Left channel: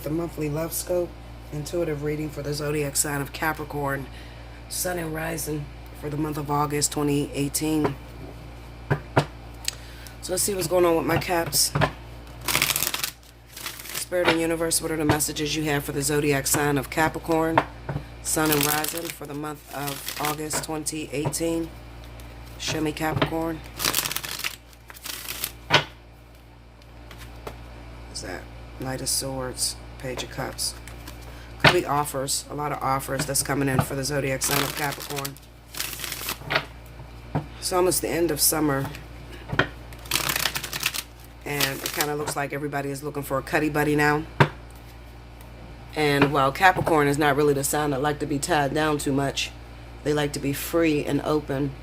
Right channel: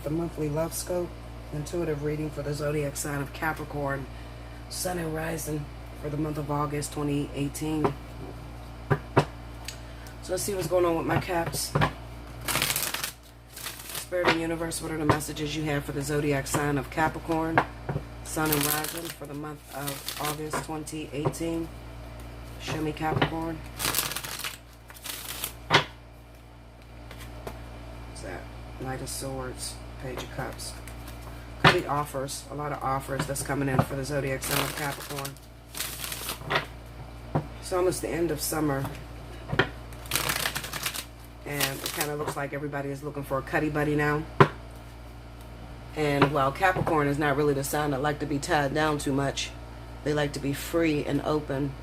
with the monthly love scope, intuitive reading for the zodiac sign of Capricorn, sun and rising for the month of August 2018. So let's see what's going on with my Caps. Spirit and universe, what are the messages you have for the zodiac sign of Capricorn, sun and rising for the month of August 2018? Show me Capricorn. What's that? Knight of Swords, Page of Cups. Could be offers, a lot of offers that's coming in for the zodiac sign of Capricorn. It's almost the end of summer, and it kind of looks like everybody is looking for a cuddy buddy now. And while Capricorn is not really the sign that like to be tied down too much, they like to be free and open.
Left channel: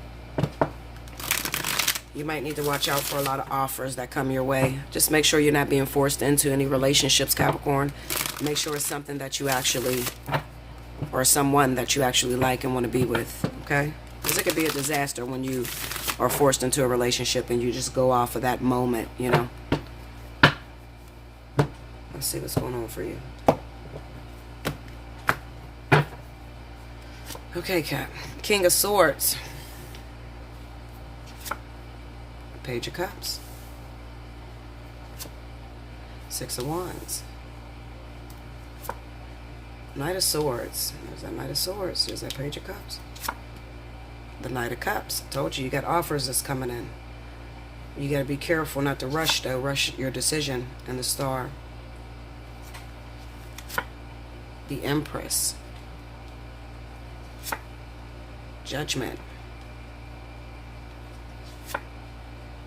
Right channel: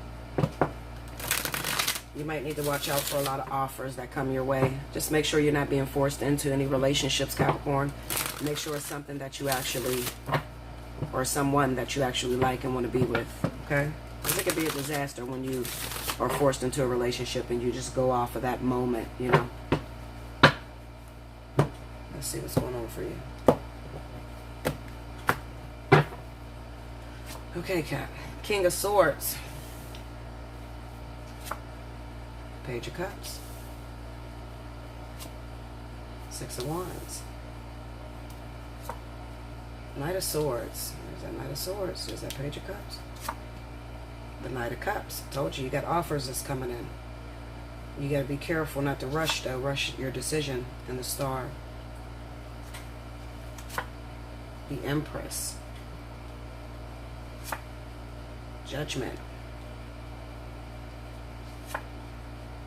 You might need to watch out for a lot of offers that come your way. Just make sure you're not being forced into any relationships, Capricorn. Make sure it's something that you actually, or someone that you actually like and want to be with, okay? Because it could be a disaster when you are forced into a relationship and you just go off of that moment, you know? Let's see what's going on for you. Okay, Cap. King of Swords. Page of Cups. Six of Wands. Knight of Swords. There's that Knight of Swords. There's that Page of Cups. The Knight of Cups. I told you, you got offers that's coming in. You got to be careful not to rush, though. Rush your decision. And the Star. The Empress. Judgment.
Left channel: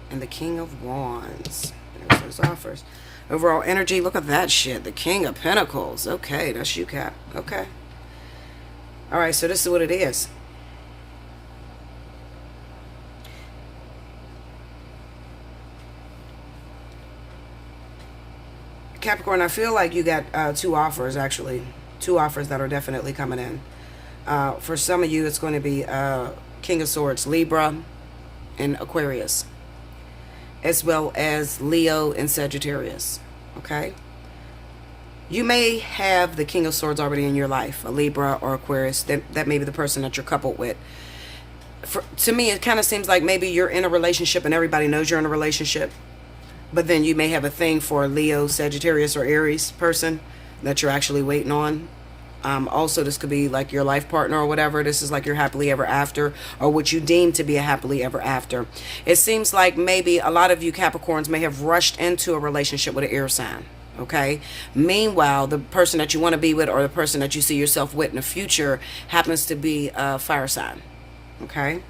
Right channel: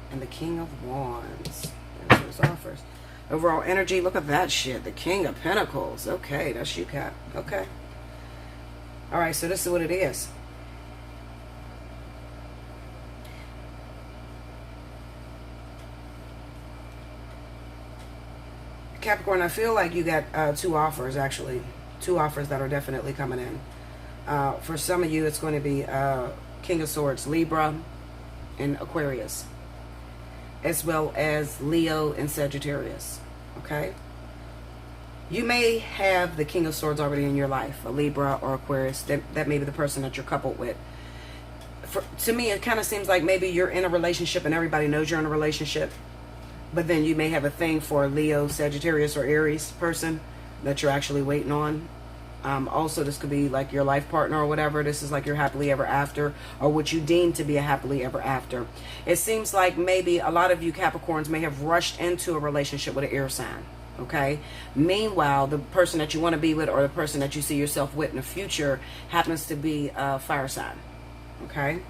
And the King of Wands. There's those offers. Overall energy, look at that shit. The King of Pentacles. Okay, that's you, Cap. Okay. Alright, so this is what it is. Capricorn, I feel like you got two offers, actually. Two offers that are definitely coming in. For some of you, it's going to be King of Swords, Libra, and Aquarius, as well as Leo and Sagittarius, okay? You may have the King of Swords already in your life, a Libra or Aquarius. That may be the person that you're coupled with. To me, it kind of seems like maybe you're in a relationship and everybody knows you're in a relationship, but then you may have a thing for a Leo, Sagittarius, or Aries person that you're actually waiting on. Also, this could be like your life partner or whatever. This is like your happily ever after, or what you deem to be a happily ever after. It seems like maybe a lot of you Capricorns may have rushed into a relationship with an air sign, okay? Meanwhile, the person that you want to be with, or the person that you see yourself with in the future, happens to be a fire sign, okay?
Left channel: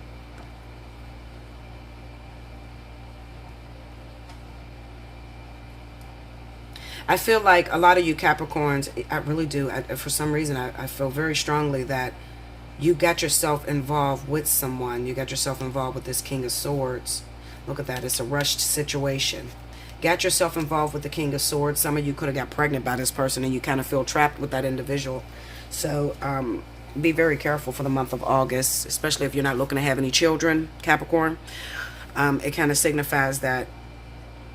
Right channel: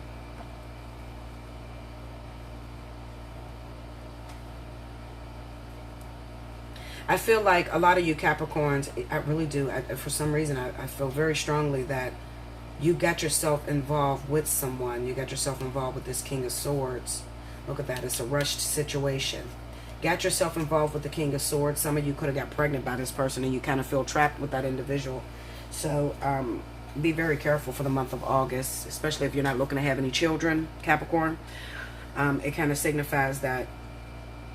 I feel like a lot of you Capricorns, I really do, for some reason, I feel very strongly that you got yourself involved with someone. You got yourself involved with this King of Swords. Look at that. It's a rushed situation. Got yourself involved with the King of Swords. Some of you could have got pregnant by this person and you kind of feel trapped with that individual. So be very careful for the month of August, especially if you're not looking to have any children, Capricorn. It kind of signifies that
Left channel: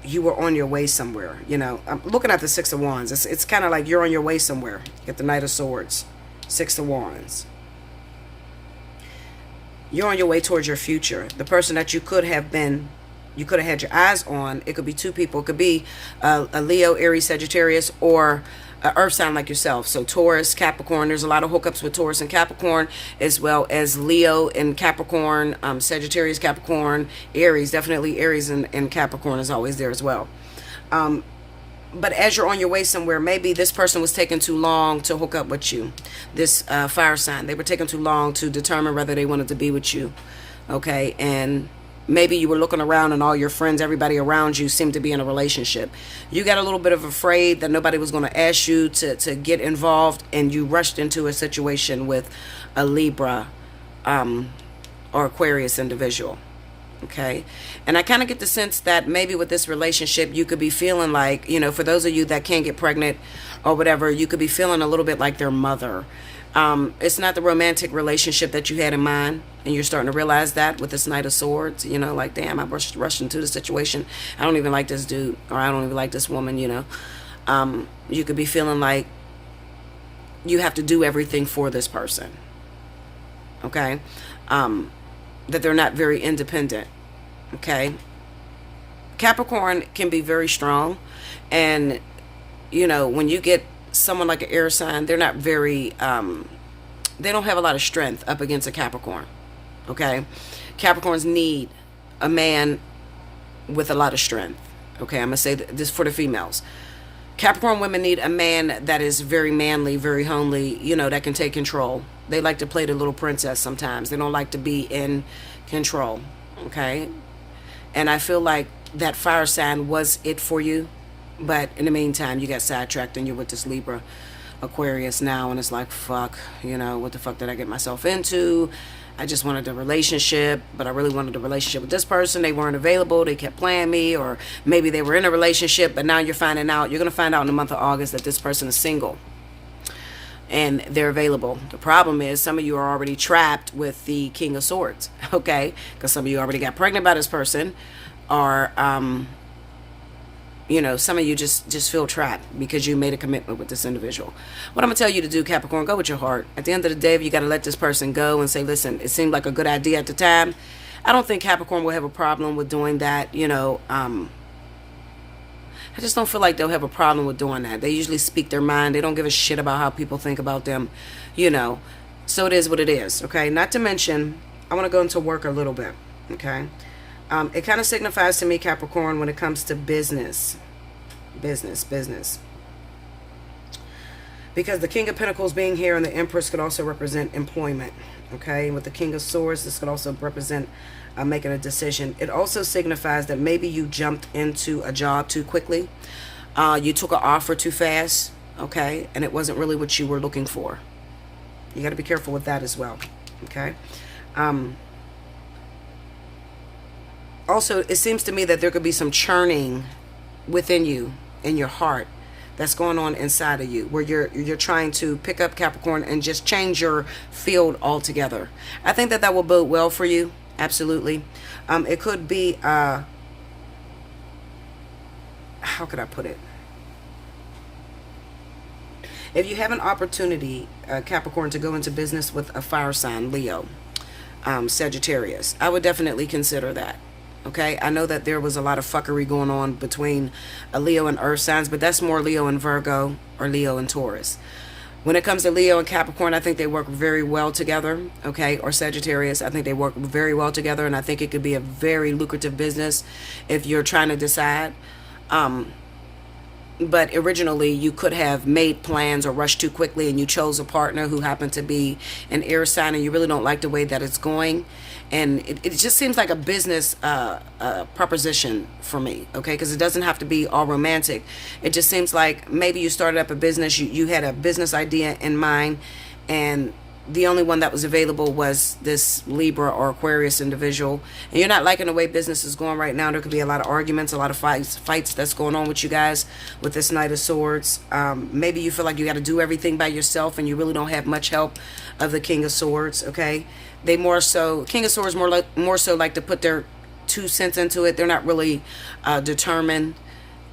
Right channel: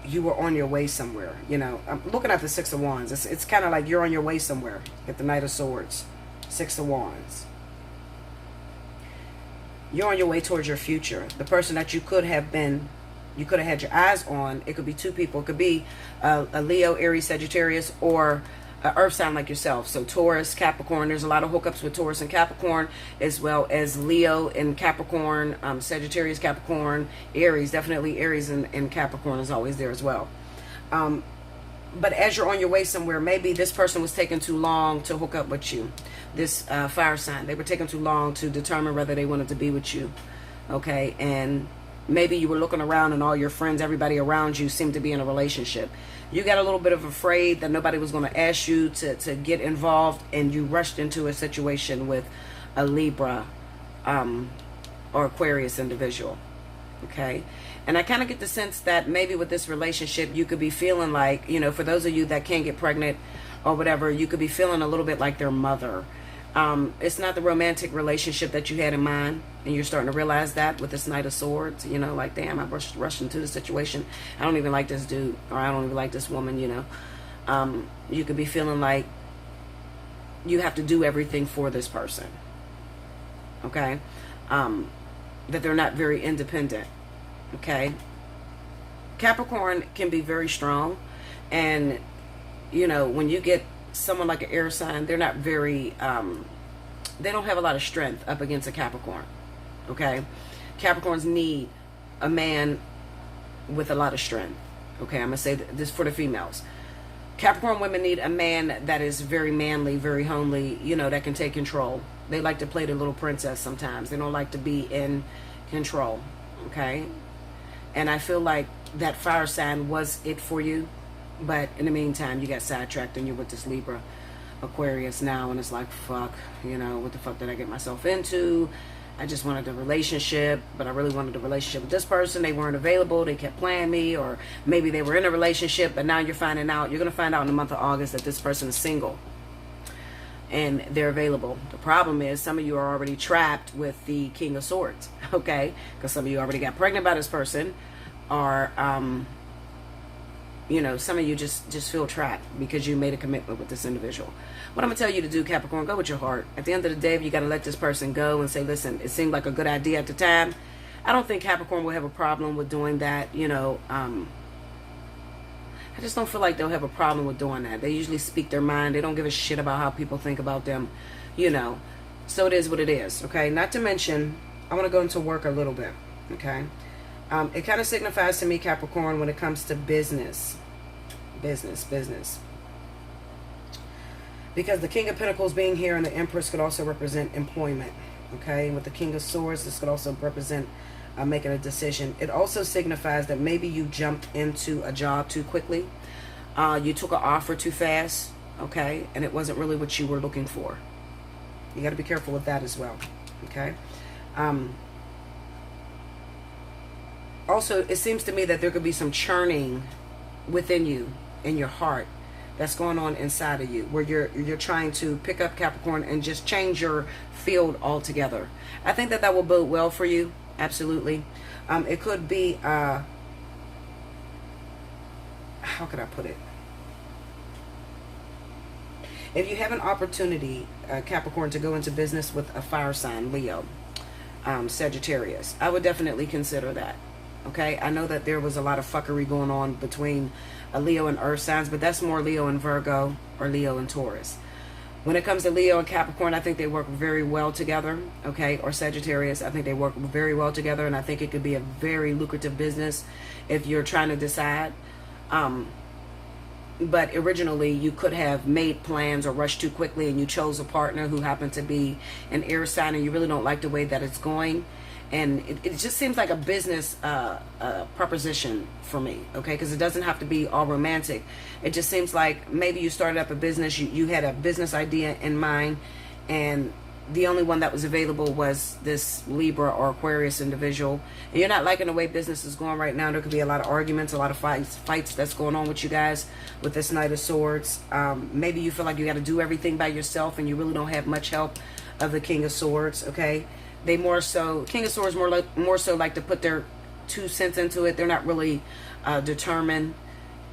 you were on your way somewhere, you know. I'm looking at the Six of Wands. It's kind of like you're on your way somewhere. You get the Knight of Swords, Six of Wands. You're on your way towards your future. The person that you could have had your eyes on, it could be two people. It could be a Leo, Aries, Sagittarius, or an earth sign like yourself. So Taurus, Capricorn. There's a lot of hookups with Taurus and Capricorn, as well as Leo and Capricorn, Sagittarius, Capricorn, Aries. Definitely Aries and Capricorn is always there as well. But as you're on your way somewhere, maybe this person was taking too long to hook up with you. This fire sign, they were taking too long to determine whether they wanted to be with you. Okay, and maybe you were looking around and all your friends, everybody around you seemed to be in a relationship. You got a little bit of afraid that nobody was going to ask you to get involved, and you rushed into a situation with a Libra or Aquarius individual. Okay, and I kind of get the sense that maybe with this relationship you could be feeling like, you know, for those of you that can't get pregnant or whatever, you could be feeling a little bit like their mother. It's not the romantic relationship that you had in mind, and you're starting to realize that with this Knight of Swords, you know, like, damn, I rushed into the situation. I don't even like this dude, or I don't even like this woman, you know. You could be feeling like you have to do everything for this person. Okay? That they're not very independent. Okay? Capricorn can be very strong. And, you know, when you get someone like an air sign, they're not very, they don't have a lot of strength up against a Capricorn. Okay? Capricorns need a man with a lot of strength. Okay? I'm going to say this for the females. Capricorn women need a man that is very manly, very homely, you know, that can take control. They like to play the little princess sometimes. They don't like to be in control. Okay? And I feel like that fire sign was it for you. But in the meantime, you got sidetracked and you're with this Libra Aquarius now. And it's like, fuck, you know, what the fuck did I get myself into? I just wanted a relationship, but I really wanted a relationship with this person. They weren't available. They kept playing me. Or maybe they were in a relationship, but now you're finding out. You're going to find out in the month of August that this person is single. And they're available. The problem is some of you are already trapped with the King of Swords. Okay? Because some of you already got pregnant by this person. Or, you know, some of you just feel trapped because you made a commitment with this individual. What I'm going to tell you to do, Capricorn, go with your heart. At the end of the day, if you got to let this person go and say, listen, it seemed like a good idea at the time, I don't think Capricorn will have a problem with doing that. You know, I just don't feel like they'll have a problem with doing that. They usually speak their mind. They don't give a shit about how people think about them, you know. So it is what it is, okay? Not to mention, I want to go into work a little bit, okay? It kind of signifies to me, Capricorn, when it comes to business. Business. Because the King of Pentacles being here and the Empress could also represent employment. Okay, with the King of Swords, this could also represent making a decision. It also signifies that maybe you jumped into a job too quickly. You took an offer too fast. Okay, and it wasn't really what you were looking for. You got to be careful with that as well. Okay. Also, it seems to me that there could be some churning within you, in your heart, that's going on inside of you, where you're trying to pick up, Capricorn, and just change your field altogether. I think that will bode well for you. Absolutely. It could be, how could I put it? If you have an opportunity, Capricorn, to go into business with a fire sign, Leo, Sagittarius, I would definitely consider that. Okay, I know that there was a lot of fuckery going on between Leo and Earth signs, but that's more Leo and Virgo or Leo and Taurus. When it comes to Leo and Capricorn, I think they work very well together, okay, or Sagittarius. I think they work very well together, and I think it could be a very lucrative business if you're trying to decide. But originally, you could have made plans or rushed too quickly, and you chose a partner who happened to be an air sign, and you really don't like the way that it's going. And it just seems like a business proposition for me, okay? Because it doesn't have to be all romantic. It just seems like maybe you started up a business, you had a business idea in mind, and the only one that was available was this Libra or Aquarius individual. And you're not liking the way business is going right now. There could be a lot of arguments, a lot of fights that's going on with you guys with this Knight of Swords. Maybe you feel like you got to do everything by yourself and you really don't have much help of the King of Swords, okay? They more so, King of Swords more so like to put their 2 cents into it. They're not really determined.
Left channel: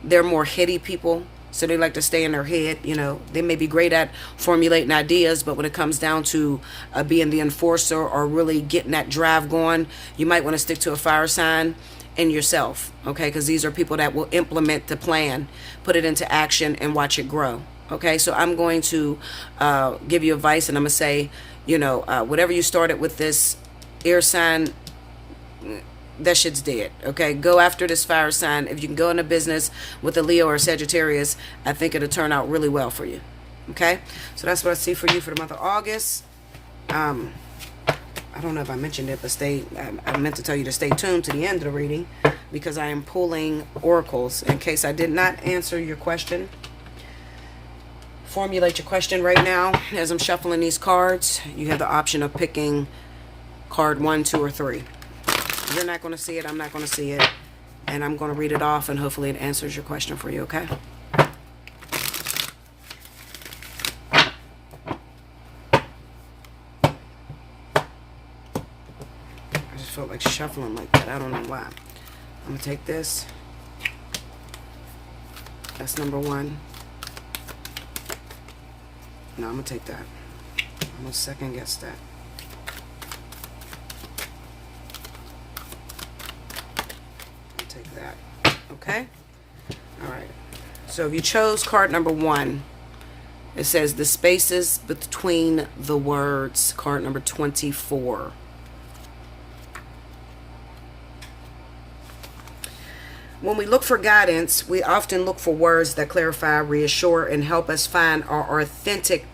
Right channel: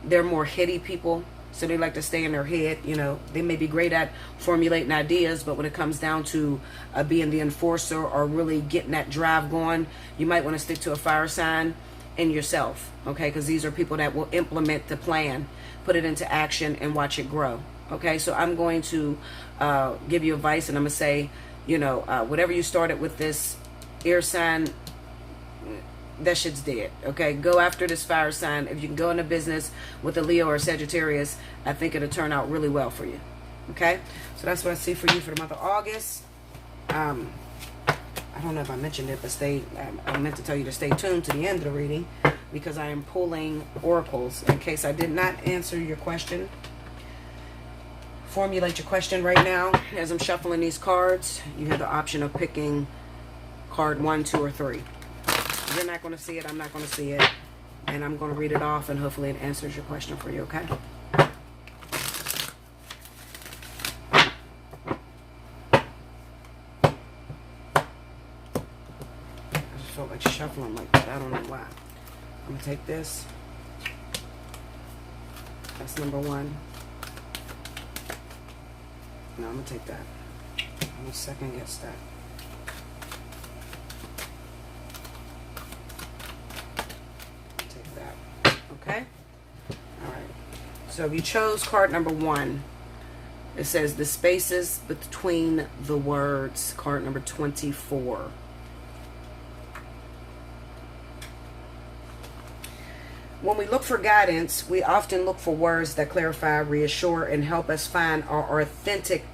They're more heady people. So they like to stay in their head, you know. They may be great at formulating ideas, but when it comes down to being the enforcer or really getting that drive going, you might want to stick to a fire sign and yourself, okay? Because these are people that will implement the plan, put it into action, and watch it grow, okay? So I'm going to give you advice, and I'm going to say, you know, whatever you started with this air sign, that shit's dead, okay? Go after this fire sign. If you can go into business with a Leo or a Sagittarius, I think it'll turn out really well for you, okay? So that's what I see for you for the month of August. I don't know if I mentioned it, but I meant to tell you to stay tuned to the end of the reading because I am pulling oracles in case I did not answer your question. Formulate your question right now. As I'm shuffling these cards, you have the option of picking card 1, 2, or 3. You're not going to see it. I'm not going to see it. And I'm going to read it off, and hopefully it answers your question for you, okay? I just felt like shuffling like that. I don't know why. I'm going to take this. That's number 1. No, I'm going to take that. I'm going to second guess that. I'll take that. Okay? All right. So if you chose card number 1, it says the spaces between the words, card number 24. When we look for guidance, we often look for words that clarify, reassure, and help us find our authentic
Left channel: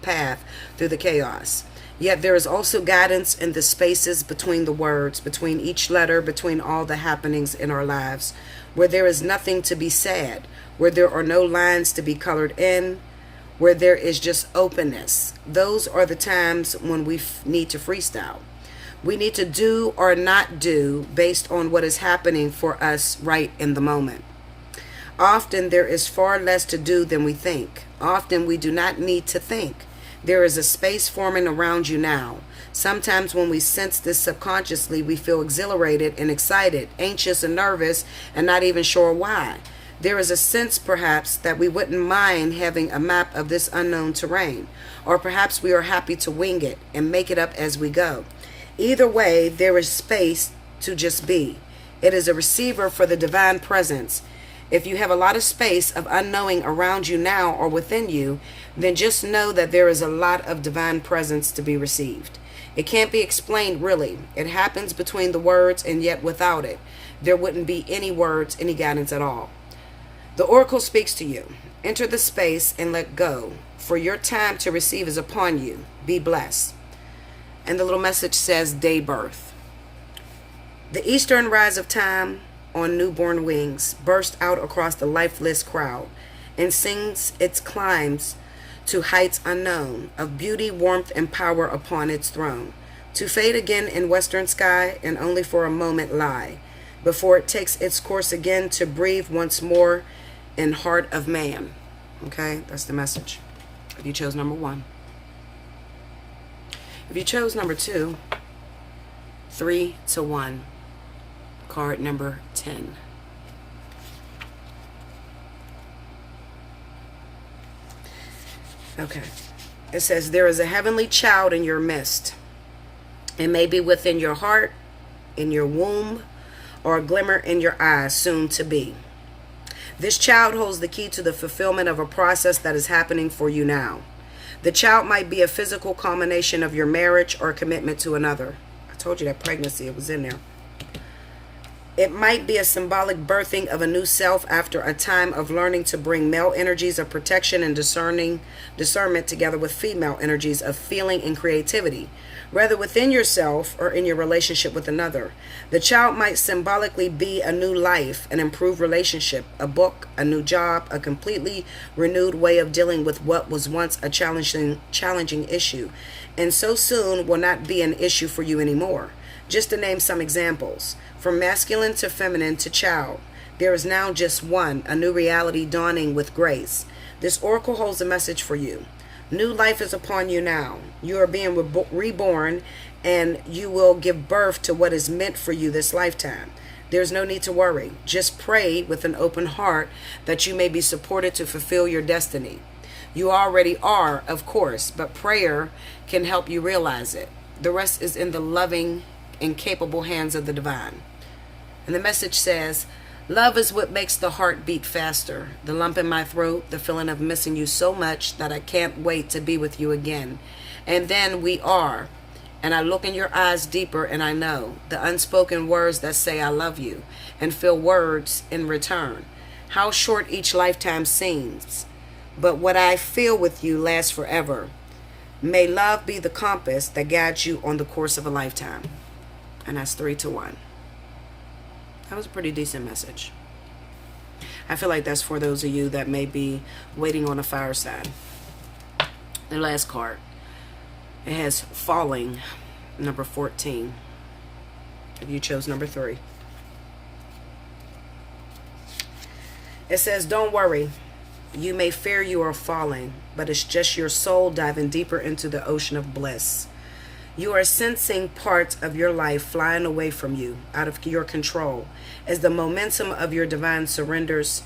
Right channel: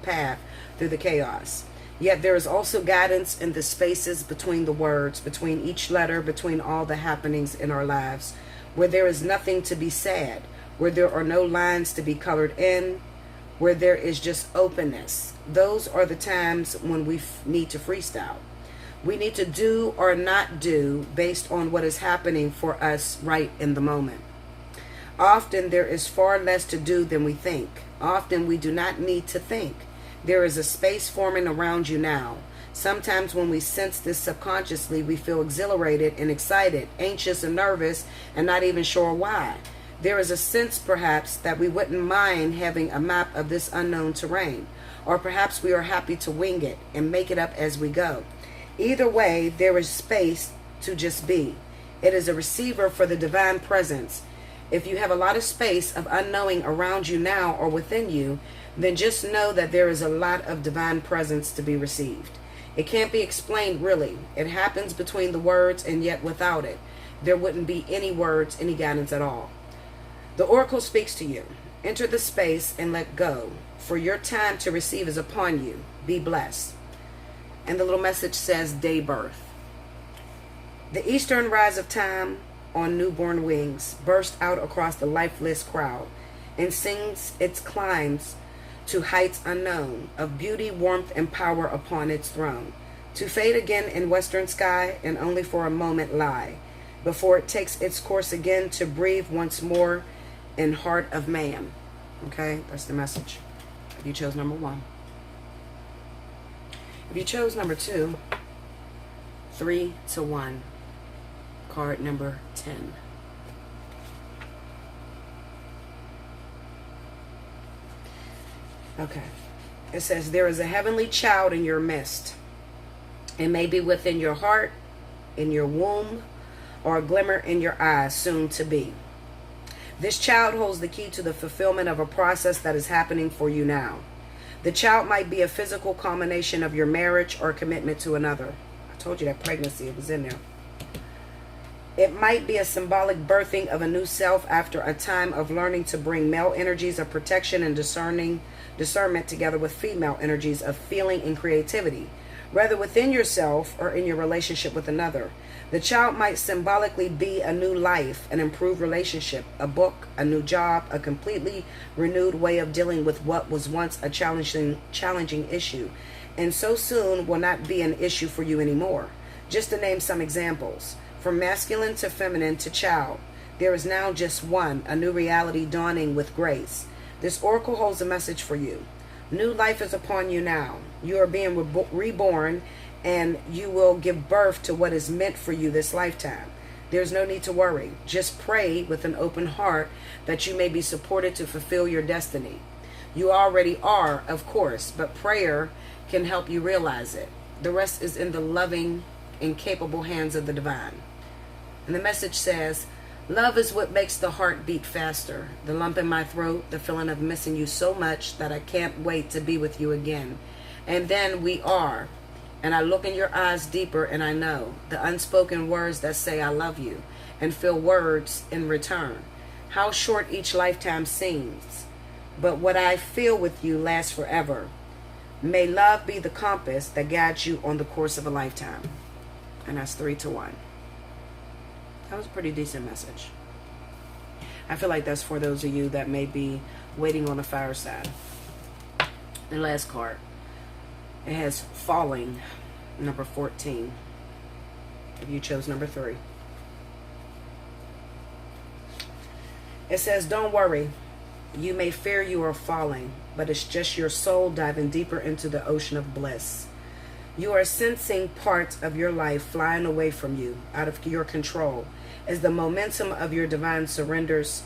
path through the chaos. Yet there is also guidance in the spaces between the words, between each letter, between all the happenings in our lives, where there is nothing to be said, where there are no lines to be colored in, where there is just openness. Those are the times when we need to freestyle. We need to do or not do based on what is happening for us right in the moment. Often there is far less to do than we think. Often we do not need to think. There is a space forming around you now. Sometimes when we sense this subconsciously, we feel exhilarated and excited, anxious and nervous, and not even sure why. There is a sense, perhaps, that we wouldn't mind having a map of this unknown terrain, or perhaps we are happy to wing it and make it up as we go. Either way, there is space to just be. It is a receiver for the divine presence. If you have a lot of space of unknowing around you now or within you, then just know that there is a lot of divine presence to be received. It can't be explained really. It happens between the words, and yet without it, there wouldn't be any words, any guidance at all. The oracle speaks to you. Enter the space and let go, for your time to receive is upon you. Be blessed. And the little message says day birth. The eastern rise of time on newborn wings burst out across the lifeless crowd and sings its climbs to heights unknown, of beauty, warmth, and power upon its throne, to fade again in western sky and only for a moment lie, before it takes its course again to breathe once more in heart of man. Okay, that's the message. If you chose number 1. If you chose number 2, 3 to 1, card number 10. Okay. It says, there is a heavenly child in your midst. It may be within your heart, in your womb, or a glimmer in your eyes, soon to be. This child holds the key to the fulfillment of a process that is happening for you now. The child might be a physical culmination of your marriage or commitment to another. I told you that pregnancy, it was in there. It might be a symbolic birthing of a new self after a time of learning to bring male energies of protection and discernment together with female energies of feeling and creativity, whether within yourself or in your relationship with another. The child might symbolically be a new life, an improved relationship, a book, a new job, a completely renewed way of dealing with what was once a challenging issue, and so soon will not be an issue for you anymore. Just to name some examples, from masculine to feminine to child, there is now just one, a new reality dawning with grace. This oracle holds a message for you. New life is upon you now. You are being reborn, and you will give birth to what is meant for you this lifetime. There's no need to worry. Just pray with an open heart that you may be supported to fulfill your destiny. You already are, of course, but prayer can help you realize it. The rest is in the loving and capable hands of the divine. And the message says, love is what makes the heart beat faster. The lump in my throat, the feeling of missing you so much that I can't wait to be with you again. And then we are. And I look in your eyes deeper and I know the unspoken words that say I love you and feel words in return. How short each lifetime seems. But what I feel with you lasts forever. May love be the compass that guides you on the course of a lifetime. And that's 3 to 1. That was a pretty decent message. I feel like that's for those of you that may be waiting on a fireside. The last card. It has falling, number 14. If you chose number 3. It says, don't worry. You may fear you are falling, but it's just your soul diving deeper into the ocean of bliss. You are sensing parts of your life flying away from you, out of your control, as the momentum of your divine surrenders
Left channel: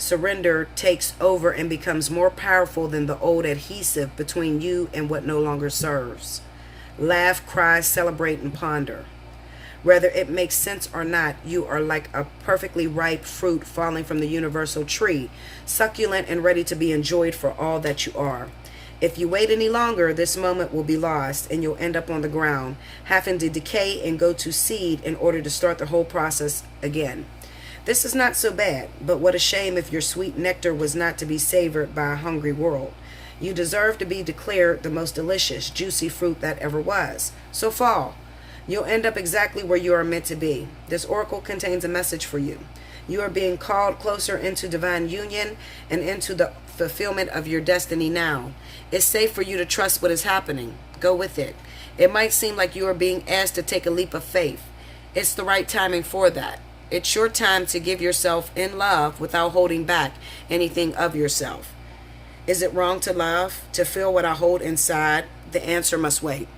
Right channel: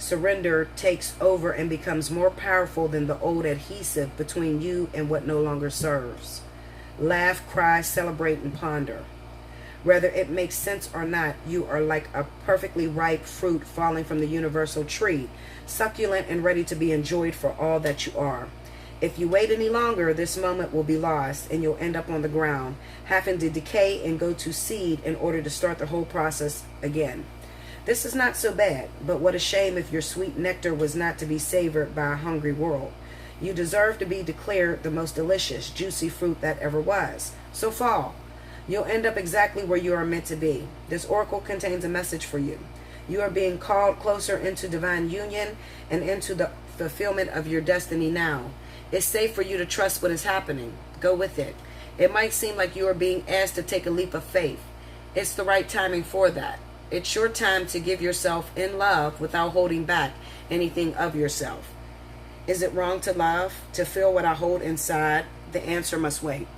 surrender takes over and becomes more powerful than the old adhesive between you and what no longer serves. Laugh, cry, celebrate, and ponder. Whether it makes sense or not, you are like a perfectly ripe fruit falling from the universal tree, succulent and ready to be enjoyed for all that you are. If you wait any longer, this moment will be lost and you'll end up on the ground, having to decay and go to seed in order to start the whole process again. This is not so bad, but what a shame if your sweet nectar was not to be savored by a hungry world. You deserve to be declared the most delicious, juicy fruit that ever was. So fall. You'll end up exactly where you are meant to be. This oracle contains a message for you. You are being called closer into divine union and into the fulfillment of your destiny now. It's safe for you to trust what is happening. Go with it. It might seem like you are being asked to take a leap of faith. It's the right timing for that. It's your time to give yourself in love without holding back anything of yourself. Is it wrong to love, to feel what I hold inside? The answer must wait.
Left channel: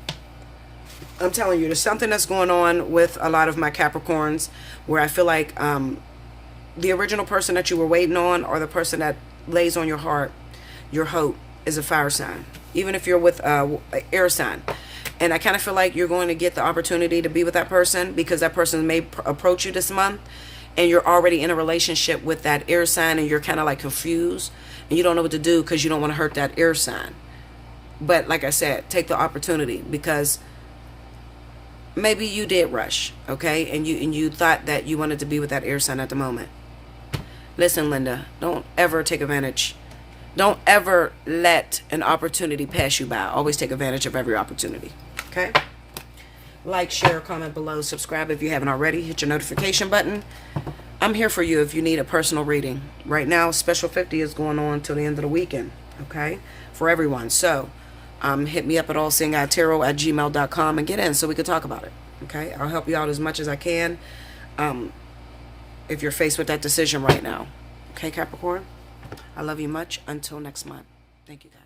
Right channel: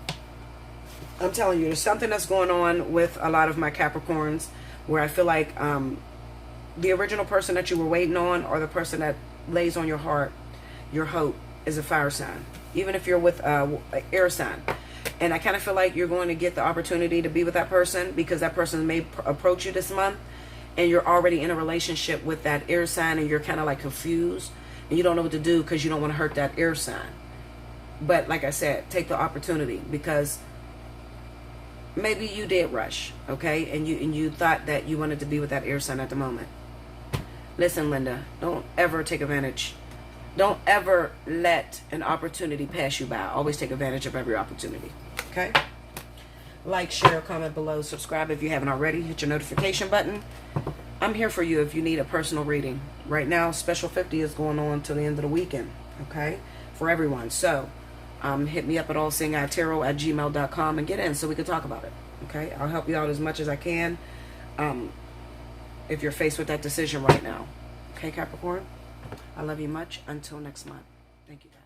I'm telling you, there's something that's going on with a lot of my Capricorns where I feel like the original person that you were waiting on, or the person that lays on your heart, your hope, is a fire sign. Even if you're with an air sign. And I kind of feel like you're going to get the opportunity to be with that person, because that person may approach you this month and you're already in a relationship with that air sign and you're kind of like confused and you don't know what to do because you don't want to hurt that air sign. But like I said, take the opportunity, because maybe you did rush, okay? And you thought that you wanted to be with that air sign at the moment. Listen, Linda, don't ever take advantage. Don't ever let an opportunity pass you by. Always take advantage of every opportunity, okay? Like, share, comment below. Subscribe if you haven't already. Hit your notification button. I'm here for you if you need a personal reading. Right now, Special 50 is going on till the end of the weekend, okay? For everyone. So, hit me up at Allseeingeyetarot@gmail.com and get in so we can talk about it, okay? I'll help you out as much as I can if you're faced with that decision right now. Okay, Capricorn? I love you much. Until next month. Thank you, guys.